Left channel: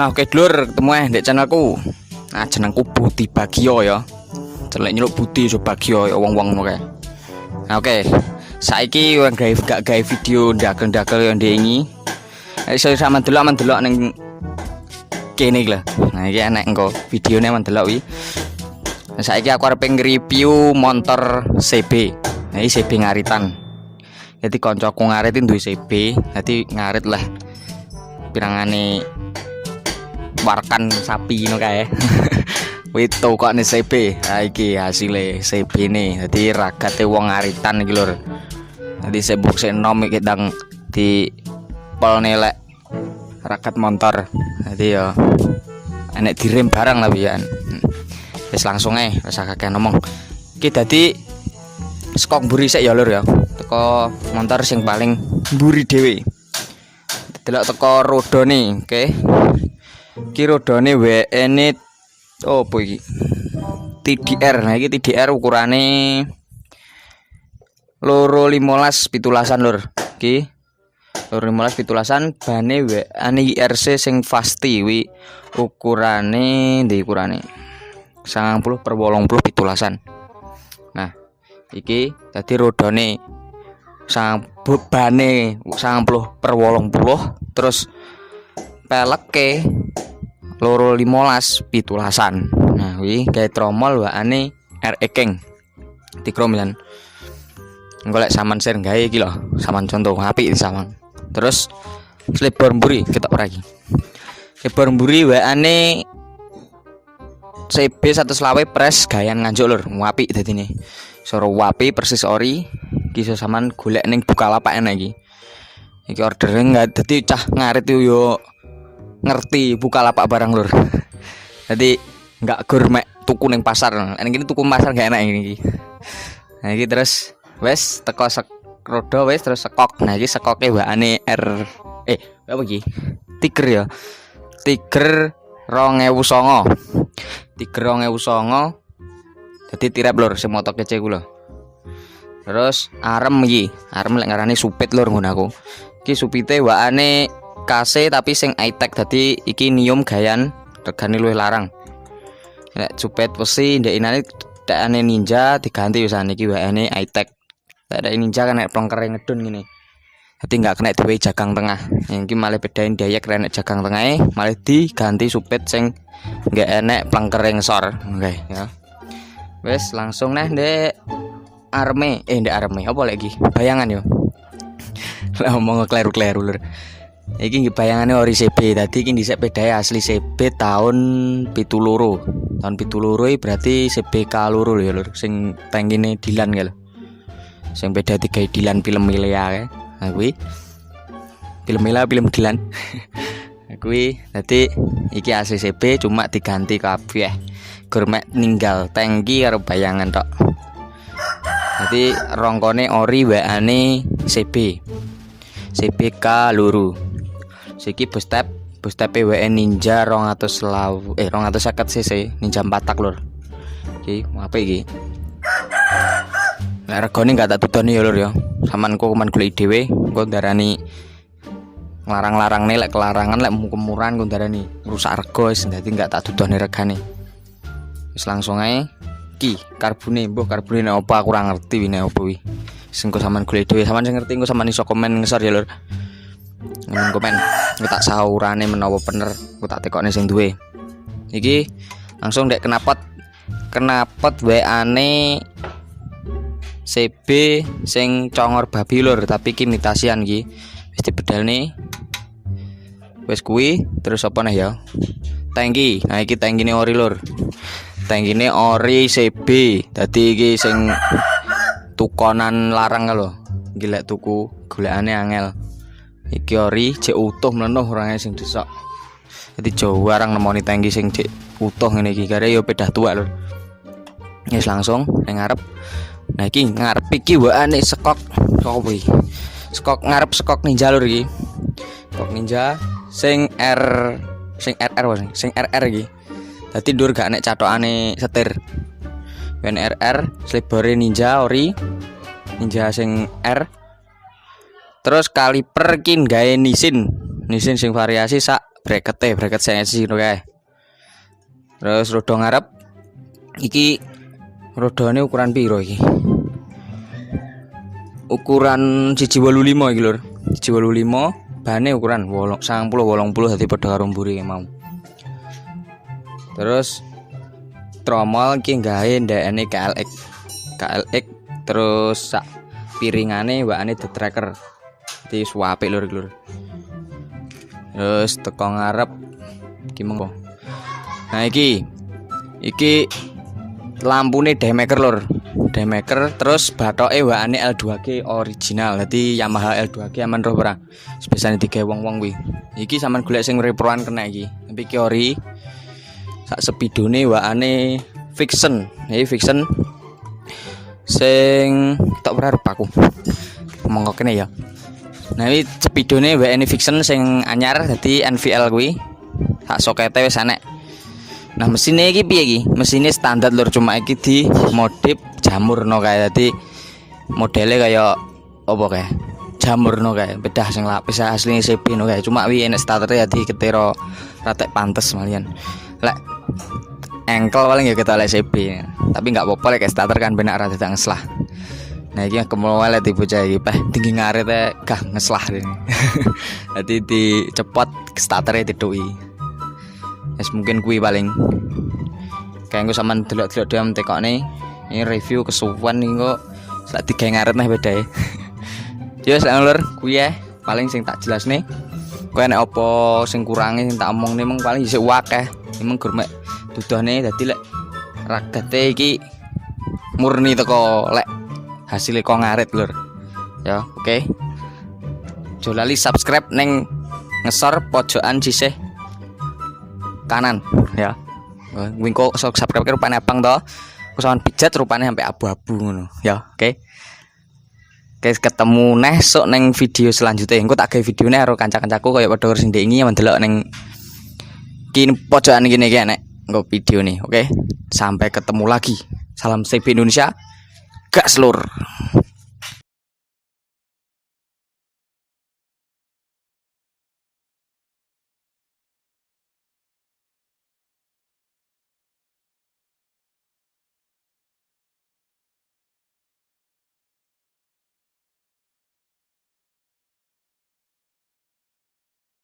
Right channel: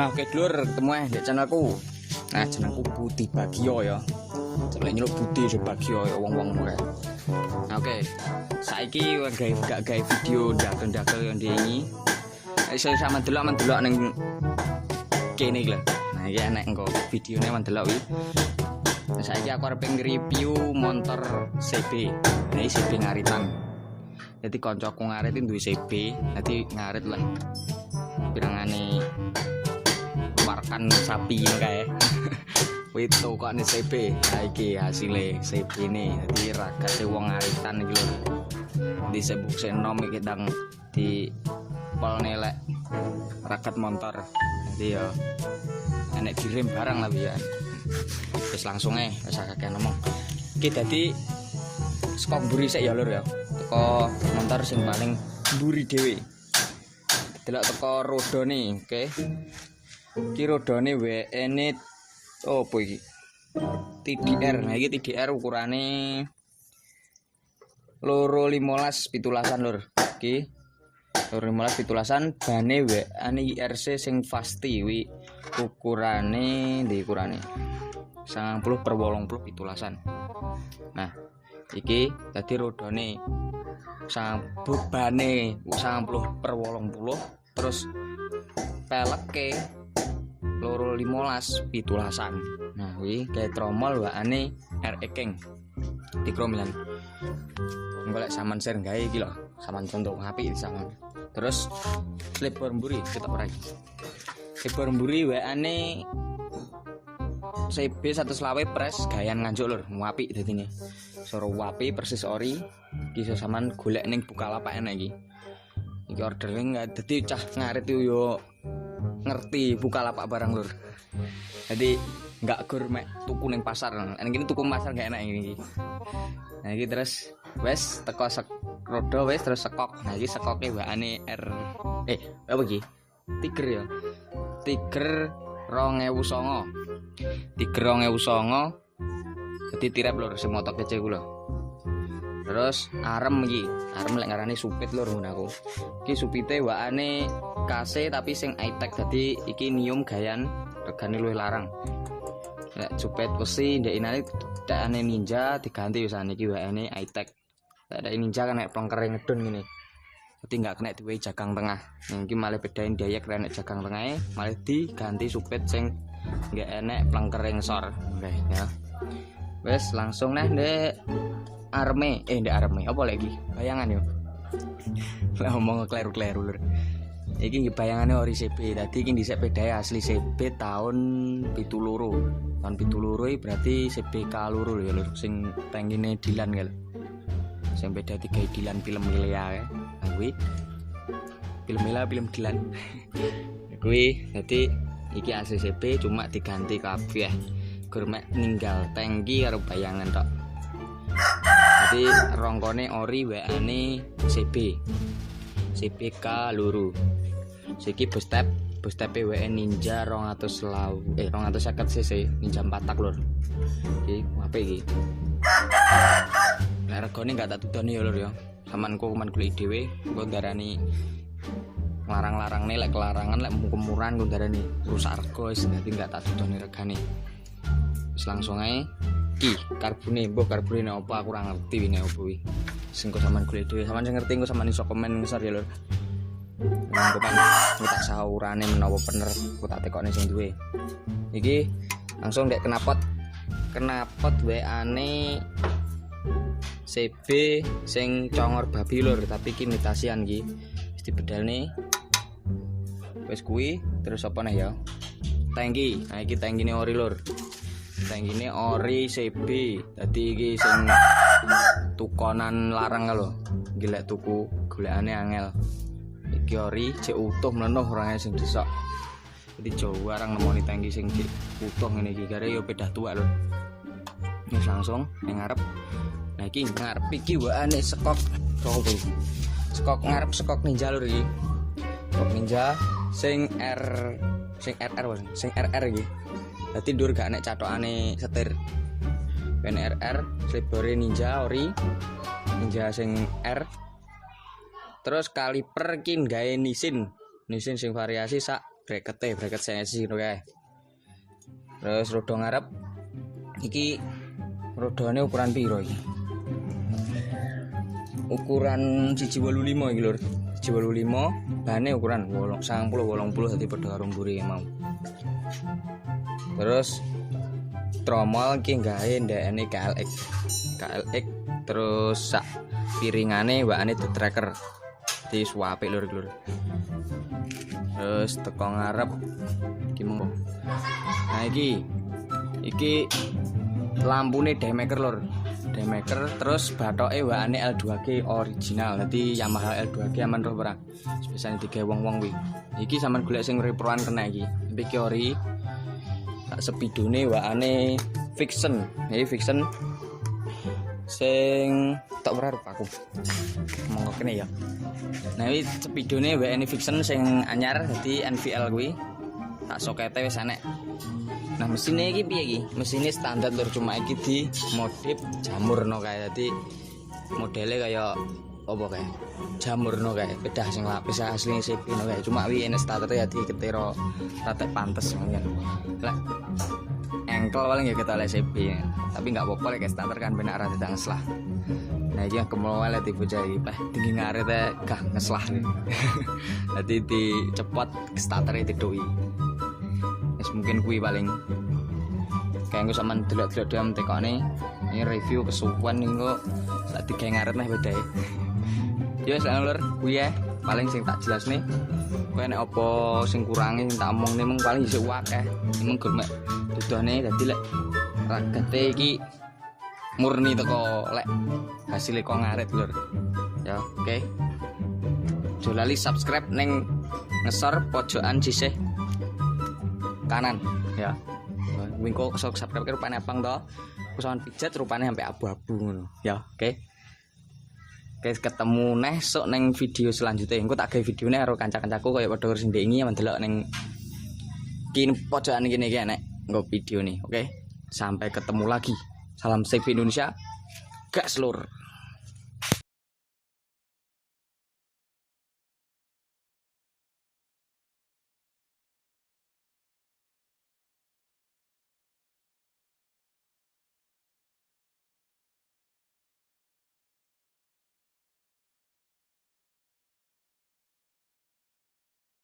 Nah, oke dulur, ketemu ndek channelku. Nah, jenengku Budi Bagio ya. Celek nyeluk Budi so Bagio ya wong-wong ngono kae. Nah, oke. Saiki gak gawe video ndakel-ndakel yang diingi. Iso sama delok ning kene iki lho. Nah, iki enek engko videone mendelok iki. Nah, saiki aku arep nge-review motor CB. Nah, ini CB ngaritan. Jadi koncoku ngarit duwe CB, jadi ngarit lah. Pirangane warkan sapi ngono kae. Wis tokone CB. Ha iki hasile CB ne. Dadi ragate wong ngaritan iki lur. Dadi sebuk enom iki ndang di pol nelek ragat motor. Dadi ya enek direm barang lah pian. Wis langsung ae, wis akeh ngomong. Iki dadi skok mburi sik ya lur ya. Teko motor sing paling mburi dhewe. Delok teko rodone, oke. Iki rodone WN opo iki? TDR. Nah iki TDR ukurane 215/17 lur. Iki 215/17 bane WN IRC sing Fasti wi ukurane ndi ukurane 90/80/17. Nah, iki dadi rodone bebane 90/80 terus peleke 215/17. Nah, wi gawe tromol waane RE King di kromilan. Golek saman share gawe iki lho, saman contoh apik saman. Terus slipper mburi ketok ora iki. Slipper mburi waane CB 120 press gayan nganjuk lur, apik dadine. Soro wapi persis ori. Iki saman golek ning Bukalapak enak iki. Iki ordere enggak dadi cah ngarit yo ngerti Bukalapak barang lur. Jadi enggak gourmet tuku ning pasar. Ning kene tuku pasar gak enak iki. Nah iki terus wes teko rodo wes terus sekok. Nah iki sekoke waane apa iki? Tiger ya. Tiger 2009. Tiger 2009. Dadi tirap lur sing motor kece ku lho. Terus arem iki, arem lek ngarani supit lur ngono aku. Iki supite waane KC tapi sing high-tech dadi iki nium gayan regane luwih larang. Nek supit besi ndekane dekane Ninja diganti wisan iki waane high-tech. Lek Ninja kan nek plongkere ngedun ngene. Dadi enggak kena dhewe jagang tengah. Yang iki malah bedain dayek renek jagang tengahe malah diganti supit sing enggak enek plongkere ngesor. Oke ya. Wes langsung nih ndek arme apa lagi bayangan yo. Lah ngomong kleru-kleru lur. Iki nggih bayangane ori CB. Dadi iki dhisik pedae asli CB tahun 72. Tahun 72 berarti CB K loro lho ya lur. Sing tangkine Dilan kae lho. Sing beda tiga Dilan film Milea kae. Nah kuwi film Milea film Dilan. Kuwi dadi iki asli CB cuma diganti kabeh. Gourmet ninggal tangki karo bayangan tok. Jadi rongkone ori waane CB. CBK luru. Siki bus step WN Ninja 250 cc Ninja 4 tak lur. Iki apa iki? Lah regane enggak tak tudoni ya lur ya. Samanku kuman golek dhewe, engko ndarani larang-larang nih lek kelarangan lek murah engko ndarani rusak rego wis dadi enggak tak tudoni regane. Wis langsung ae iki karbone nek opo aku ora ngerti nek opo wi. Sing kok sampean golek dhewe, sampean sing ngerti engko sampean iso komen ngesor ya lur. Komen aku tak saurane menawa bener aku tak tekokne sing duwe. Iki langsung ndek knapot waane CB sing congor babi lur, tapi iki imitasian iki. Wis dibedalne. Wis kuwi terus apa nih ya? Tangki. Nah iki tangkine ori lur. Tangkine ori CB. Dadi iki sing tukonan larang lho. Iki lek tuku golekane angel. Iki ori jek utuh mlenuh orange sing desok. Dadi jarang nemoni tangki sing jek utuh ngene iki kare ya pedah tuwak lho. Wis langsung ning ngarep. Nah iki ngarep iki waane skok opo iki? Skok ngarep skok Ninja lur iki. Skok Ninja sing RR iki. Dadi ndur gak nek catokane setir. Ben RR slibore Ninja ori. Ninja sing R. Terus kaliper ki gawe Nissin sing variasi sak bracket sensi ngono kae. Terus roda ngarep iki rodane ukuran piro iki? Ukuran 185 iki lur. 185 bane ukuran 90 80 dadi padha karo mburi mau. Terus tromol iki gawe ndekne KLX terus sak piringane mbakane the tracker. Dadi suapik lur. Terus teko ngarep iki monggo. Nah iki lampune Daymaker lur. Daymaker terus bathoke wakane L2G original. Dadi Yamaha L2G aman roh ora. Biasane digawe wong-wong kuwi. Iki sampean golek sing reproan kena iki. Tapi iki ori sak sepidone wakane Fiction. Iki Fiction sing tak berharap aku. Monggo kene ya. Nah iki sepidone wakane Fiction sing anyar dadi NVL kuwi. Sak sokete wis enek. Nah mesinnya iki piye iki? Mesinnya standar lur, cuma iki di modif jamurno kae. Dadi modele kaya apa kae? Jamurno kae. Bedah sing lapis asline CB no kae. Cuma wi enek starter dadi ketira ratek pantes malian. Lek engkel paling ya kita lek CB. Tapi enggak apa-apa lek starter kan benak rada ngeslah. Nah iki kemulai di bocah iki peh tinggi ngarit gah ngeslah. Dadi dicepot startere diduki. Mungkin kuwi paling kayak gue sampean delok-delok diam tekone ini review kesuwen iki kok sak digawe ngaret meh bedae. Ya wis lur kuwi ya paling sing tak jelasne. Kowe nek apa sing kurange sing tak omongne mung paling isih akeh. Emang gur mek dudane dadi lek ragate iki murni teko lek hasilnya kok ngaret lur. Ya oke. Aja lali subscribe neng ngesor pojokan sisih kanan ya. Wingko subscribe ke rupane abang to. Aku sampean pijat rupane sampai abu-abu ngono ya. Oke. Guys ketemu nesuk neng video selanjutnya. Engko tak gawe videone karo kanca-kancaku kaya padha sing ndengi mendelok neng kini pojokan gini iki nek engko video nih. Oke. Sampai ketemu lagi. Salam CB Indonesia. Gas lur.